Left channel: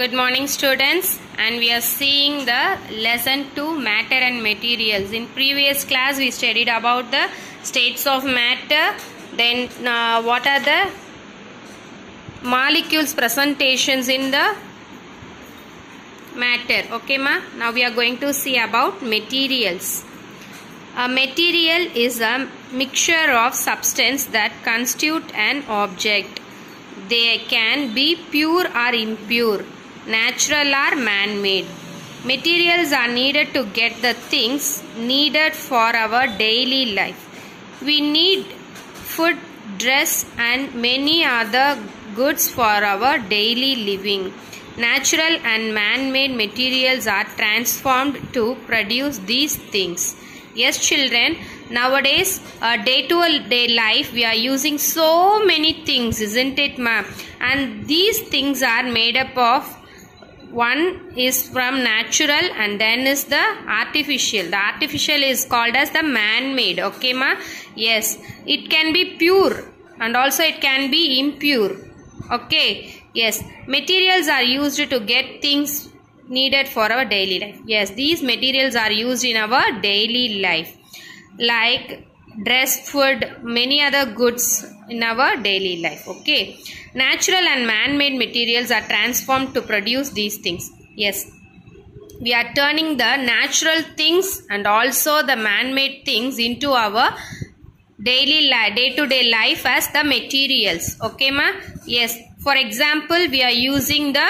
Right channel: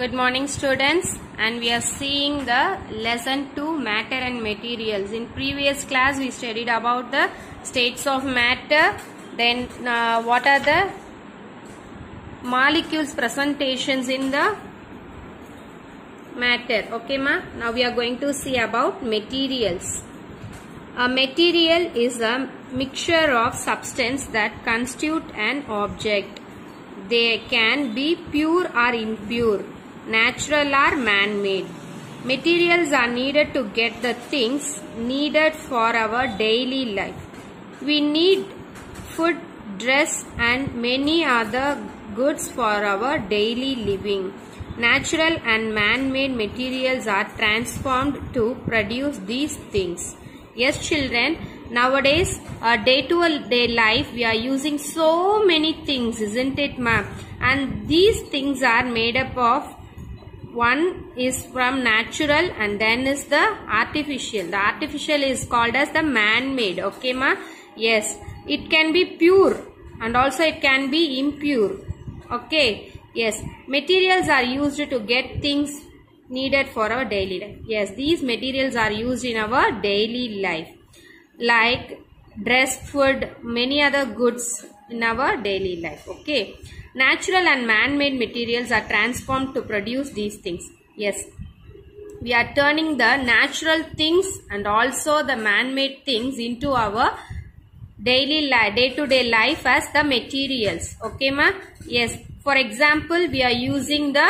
Good morning students, and we are seeing the lesson 2 matter and materials. In previous class we studied about the states of matter, then what are the molecules presentations in the matter. Okay ma? Now we are going to see about materials. A material is a mixture of substance that constitute an object. They can be pure or impure, natural or man-made. Materials are needed to get the things needed for our daily life. We need food, dress and many other goods for our daily living. Natural and man-made materials are transformed to produce these things. Yes children, nowadays day-to-day life we are using so many things, isn't it ma'am? And these things are made up of, one is from natural and then is the artificial. The artificial is called as the man-made. Okay ma? Yes, it can be pure and also it can be impure. Okay, yes, materials are used to get things needed for our daily life. Yes, these materials are used in our daily life, like dress, food, many other goods in our daily life. Okay, natural and man-made materials are transformed to produce these things. Yes, we are turning the natural things and also the man-made things into our daily life, day-to-day life as the materials. Okay ma? Yes, for example we are using the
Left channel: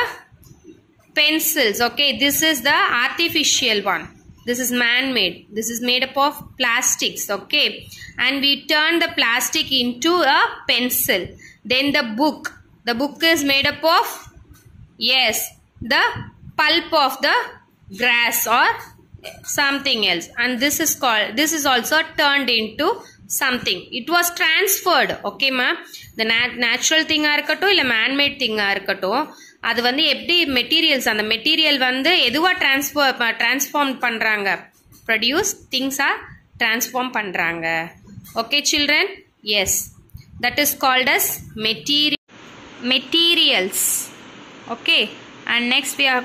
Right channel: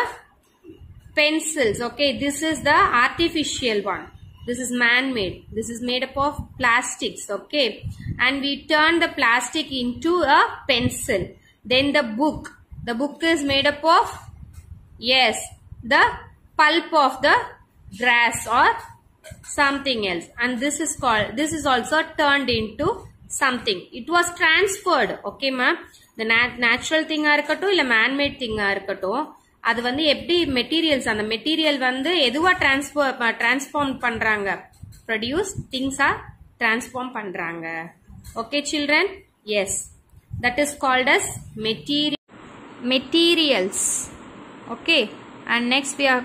pencils. Okay, this is the artificial one. This is man-made. This is made up of plastics. Okay, and we turn the plastic into a pencil. Then the book. The book is made up of, yes, the pulp of the grass or something else. And this is called, this is also turned into something. It was transferred. Okay ma? The natural thing irukattum illa man-made thing irukattum, அது வந்து எப்படி materials, அந்த material வந்து எதுவா transform பண்றாங்க, produce திங்ஸா transform பண்றாங்க. Okay children? Yes, that is called as materials. Okay, and next we are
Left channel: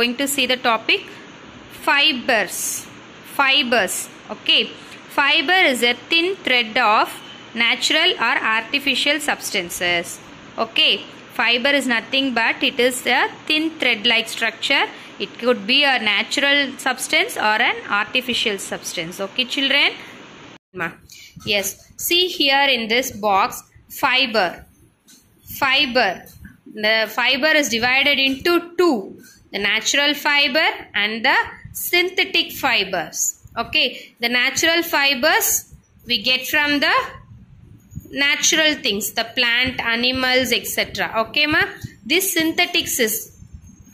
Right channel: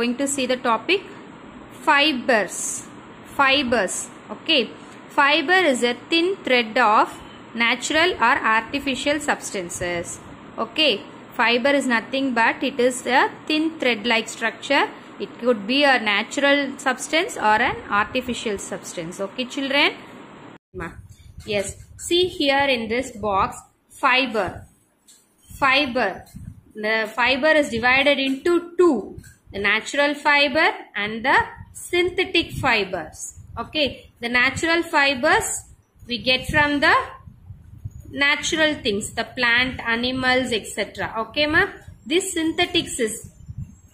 going to see the topic fibers. Okay, fiber is a thin thread of natural or artificial substances. Okay, fiber is nothing but it is a thin thread like structure. It could be a natural substance or an artificial substance. Okay children? Yes, see here in this box, fiber. The fiber is divided into two, the natural fiber and the synthetic fibers. Okay, the natural fibers we get from the natural things, the plant, animals, etc. Okay ma? This synthetics is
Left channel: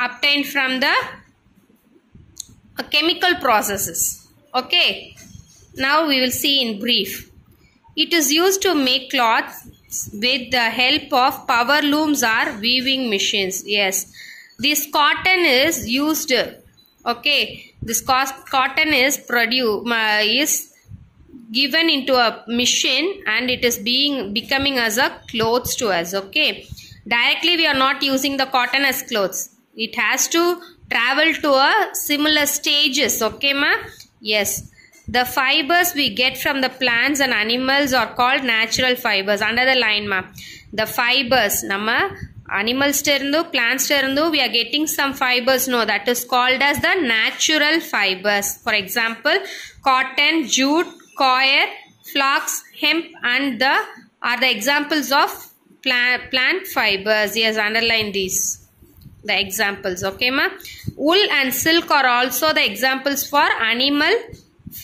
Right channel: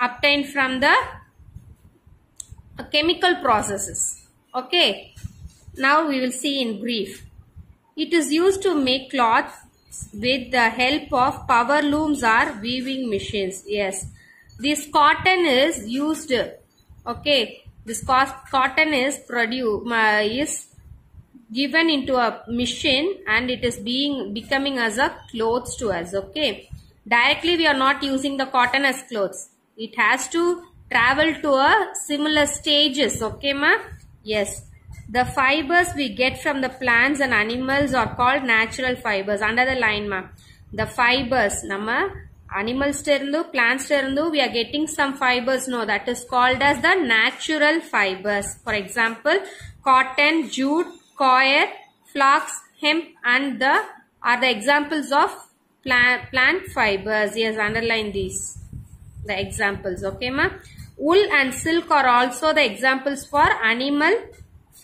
obtained from the chemical processes. Okay, now we will see in brief. It is used to make cloth with the help of power looms or weaving machines. Yes, this cotton is used. Okay, this cotton is given into a machine and it is becoming as a clothes to us. Okay, directly we are not using the cotton as clothes. It has to travel to a similar stages. Okay ma? Yes, the fibers we get from the plants and animals are called natural fibers. Under the line ma, the fibers nama animals terundu, plants terundu we are getting some fibers. No, that is called as the natural fibers. For example, cotton, jute, coir, flax, hemp and the are the examples of plant fibers. Yes, underline these, the examples. Okay ma? Wool and silk are also the examples for animal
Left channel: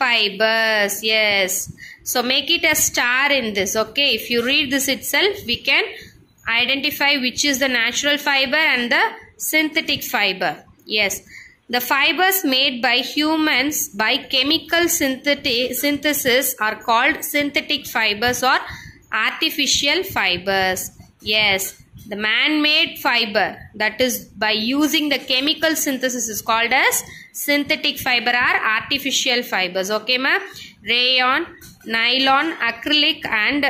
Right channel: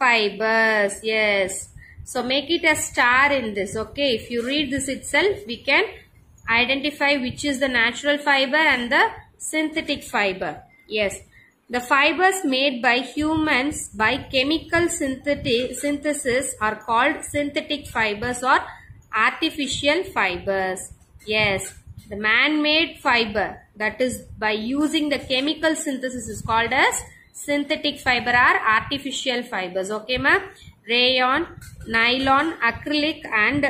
fibers. Yes, so make it a star in this. Okay, if you read this itself we can identify which is the natural fiber and the synthetic fiber. Yes, the fibers made by humans by chemical synthesis are called synthetic fibers or artificial fibers. Yes, the man-made fiber, that is by using the chemical synthesis, is called as synthetic fiber or artificial fibers. Okay ma? Rayon, nylon, acrylic and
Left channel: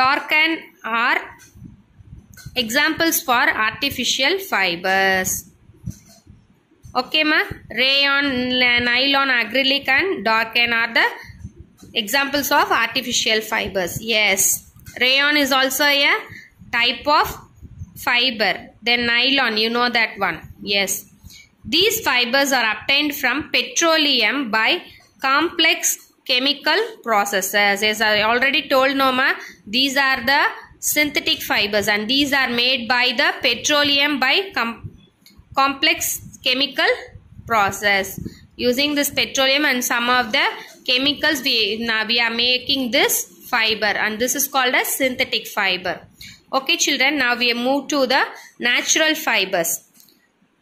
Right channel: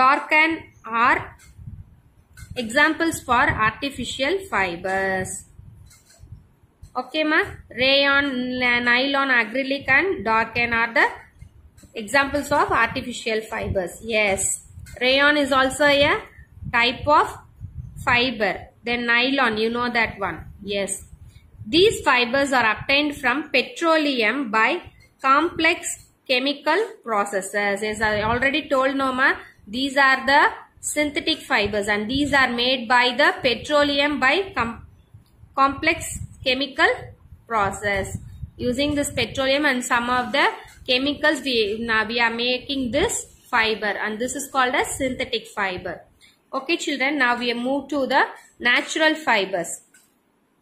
darken are examples for artificial fibers. Okay ma, rayon, nylon, acrylic and dark yarn are the examples of artificial fibers. Yes, rayon is also a type of fiber. Then nylon, you know that one. Yes, these fibers are obtained from petroleum by complex chemical processes. As I already told Noma, these are the synthetic fibers and these are made by the petroleum by complex chemical process. Using this petroleum and some of the chemicals we are making this fiber, and this is called as synthetic fiber. Okay children, now we move to the natural fibers.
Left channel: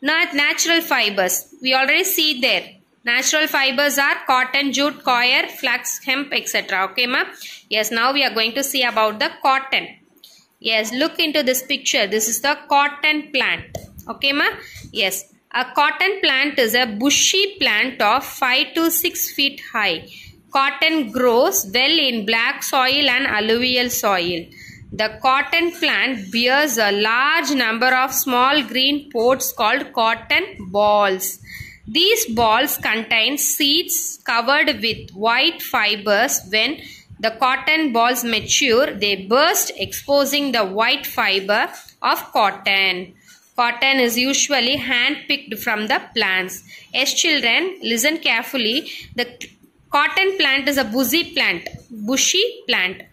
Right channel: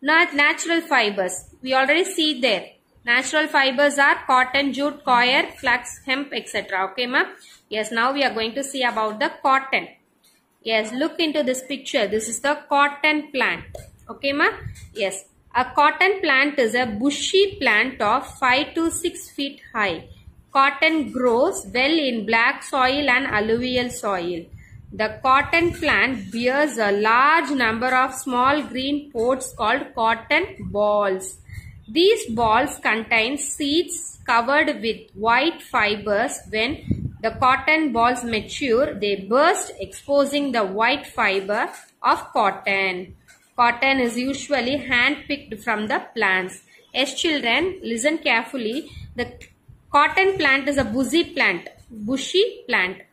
Natural fibers, we already see there. Natural fibers are cotton, jute, coir, flax, hemp, etc. Okay ma? Yes, now we are going to see about the cotton. Yes, look into this picture. This is the cotton plant. Okay ma? Yes, a cotton plant is a bushy plant of 5 to 6 feet high. Cotton grows well in black soil and alluvial soil. The cotton plant bears a large number of small green pods called cotton balls. These balls contain seeds covered with white fibers. When the cotton balls mature, they burst, exposing the white fiber of cotton. Cotton is usually hand-picked from the plants. Yes, children, listen carefully. The cotton plant is a bushy plant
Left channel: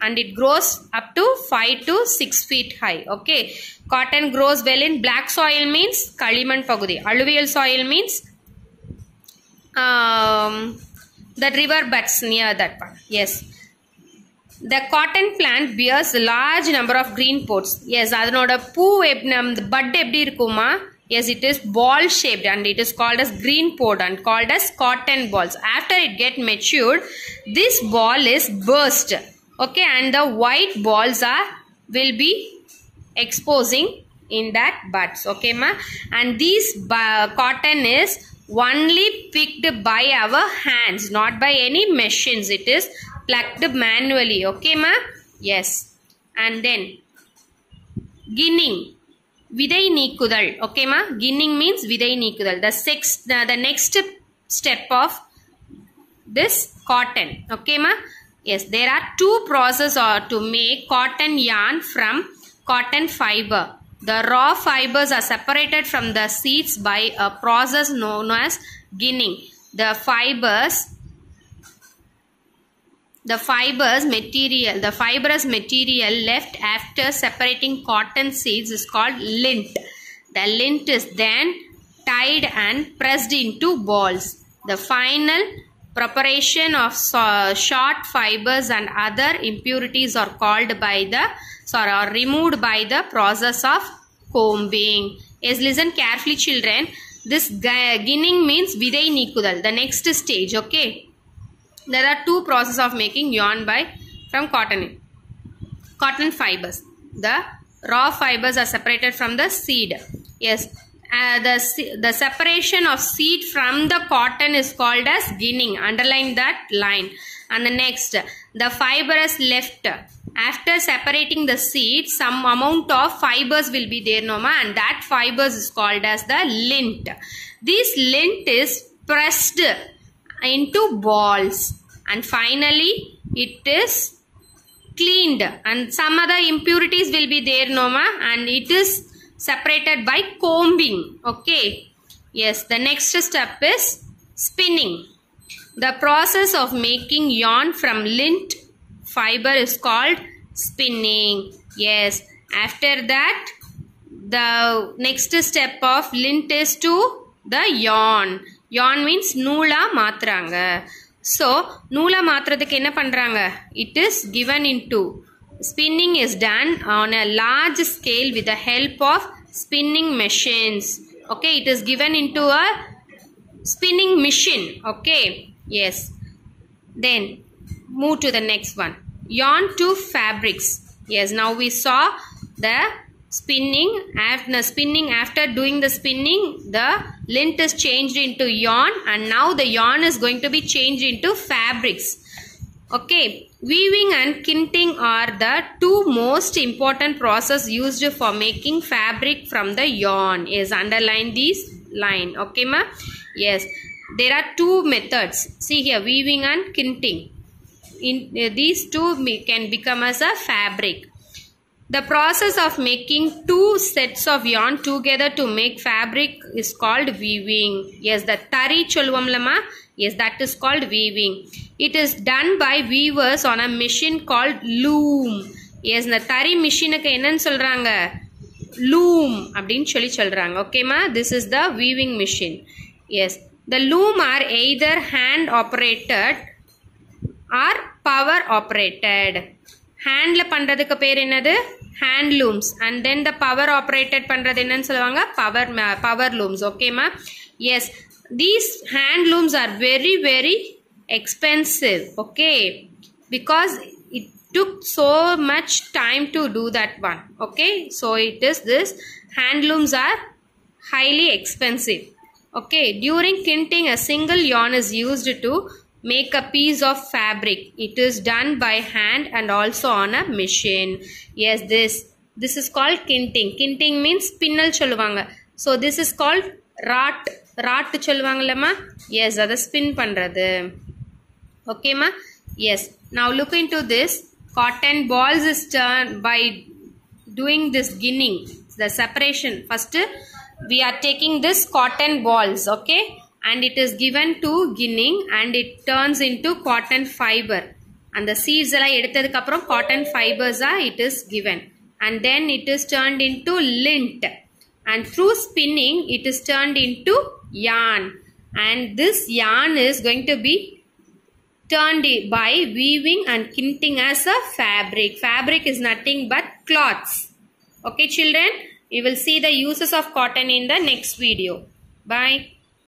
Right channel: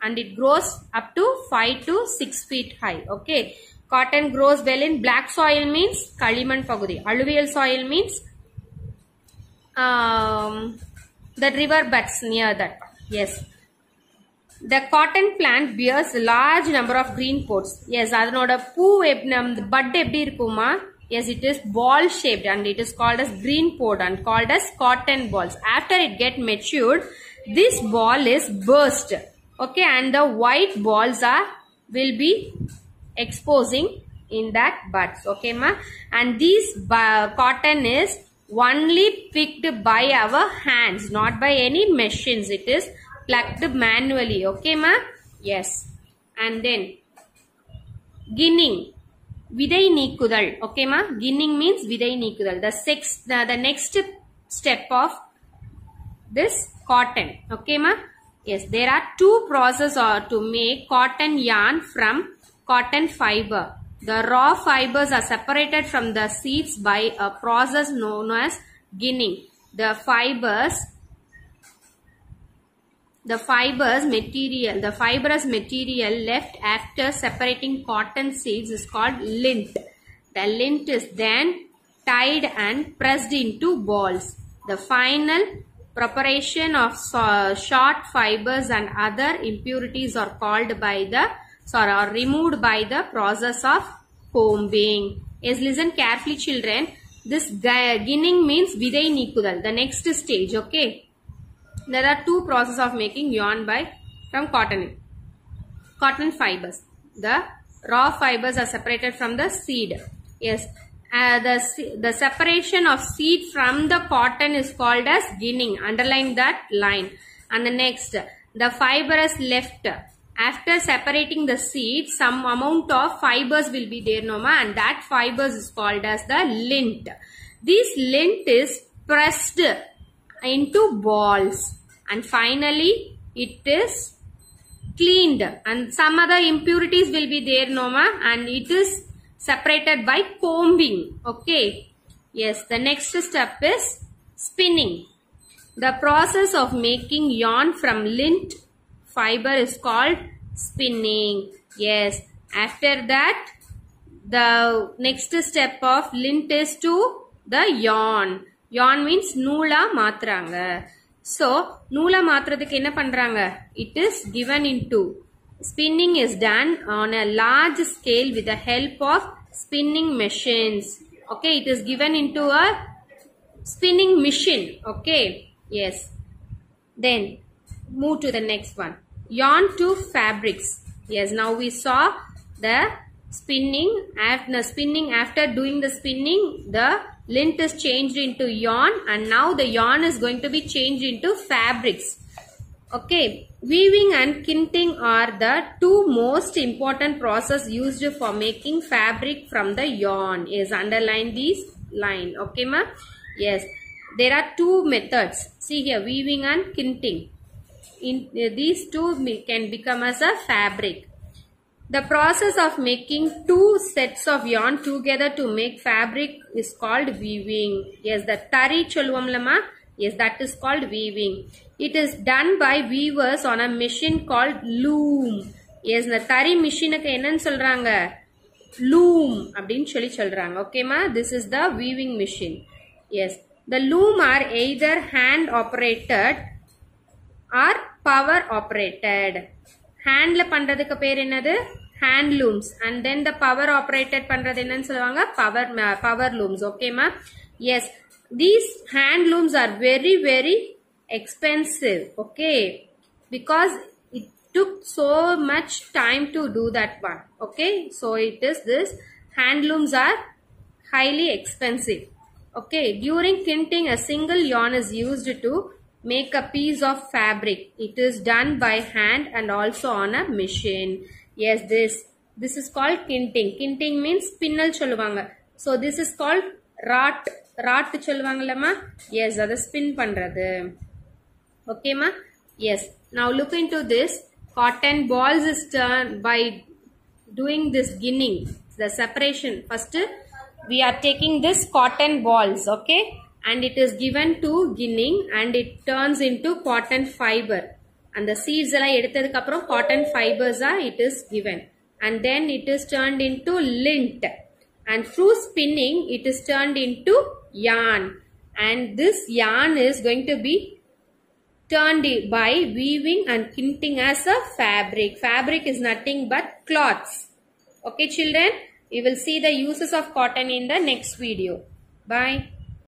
and it grows up to 5 to 6 feet high. Okay. Cotton grows well in black soil means Kaliman Pagudi. Alluvial soil means the river beds near that one. Yes. The cotton plant bears a large number of green pods. Yes, adanoda poo bud eppadi irukuma. Yes, it is ball shaped and it is called as green pod and called as cotton balls. After it get matured, this ball is burst. Okay, and the white balls will be exposing in that buds. Okay ma, and this cotton is only picked by our hands, not by any machines. It is plucked manually. Okay ma? Yes. And then ginning, vidai neekudal. Okay ma? Ginning means vidai neekudal. The next step of this cotton. Okay ma? Yes, there are two processes to make cotton yarn from cotton fiber. The raw fibers are separated from the seeds by a process known as ginning. The fibrous material left after separating cotton seeds is called lint. The lint is then tied and pressed into balls. The final preparation of short fibers and other impurities are removed by the process of combing. Yes, listen carefully children. This ginning means vidai neekudal, the next stage. Okay. There are two processes of making yarn from cotton fibers. The raw fibers are separated from the seed. Yes, the separation of seed from the cotton is called as ginning. Underline that line. And the next, the fiber is left. After separating the seed, some amount of fibers will be there, Noma, and that fibers is called as the lint. This lint is pressed into balls and finally it is cleaned, and some other impurities will be there, Noma, and it is separated by combing. Okay. Yes, the next step is spinning. The process of making yarn from lint fiber is called spinning. Yes, after that the next step of lint is to the yarn. Yarn means noola maatranga. So noola maatradhukku enna pandranga? It is given into spinning is done on a large scale with the help of spinning machines. Okay, it is given into a spinning machine. Okay, yes. Then move to the next one. Yarn to fabrics. Yes, now we saw the spinning. After doing the spinning, the lint is changed into yarn, and now the yarn is going to be changed into fabrics. Okay, weaving and kinting are the two most important processes used for making fabric from the yarn. Yes, underline these line. Okay ma? Yes, there are two methods. See here, weaving and kinting. These two can become as a fabric. The process of making two sets of yarn together to make fabric is called weaving. Yes, the tari cholvamlama. Yes, that is called weaving. It is done by weavers on a machine called loom. Yes, the tari machine ku enna solranga? Loom abdin solranga. Okay ma? This is the weaving machine. Yes, the loom are either hand operated or power operated. Hand la pandradhukku per enadhu? Hand looms. And then the power operated pandradhu enna solvanga? Power looms. Okay ma? Yes, these hand looms are very expensive. Okay, because it took so much time to do that one. Okay, so it is this hand looms are highly expensive. Okay, during kinting a single yarn is used to make a piece of fabric. It is done by hand and also on a machine. Yes, this is called kinting. Kinting means spinnal solvanga. So this is called rot solvangala ma? Yes, that is spin pandrathu. Okay ma? Yes, now look into this. Cotton balls is turned by doing this ginning, the separation. First we are taking this cotton balls, okay, and it is given to ginning and it turns into cotton fiber. And the seeds alla edutadhukku appuram cotton fibers are it is given, and then it is turned into lint, and through spinning it is turned into yarn, and this yarn is going to be turned by weaving and kinting as a fabric. Fabric is nothing but cloths. Okay children, we will see the uses of cotton in the next video. Bye.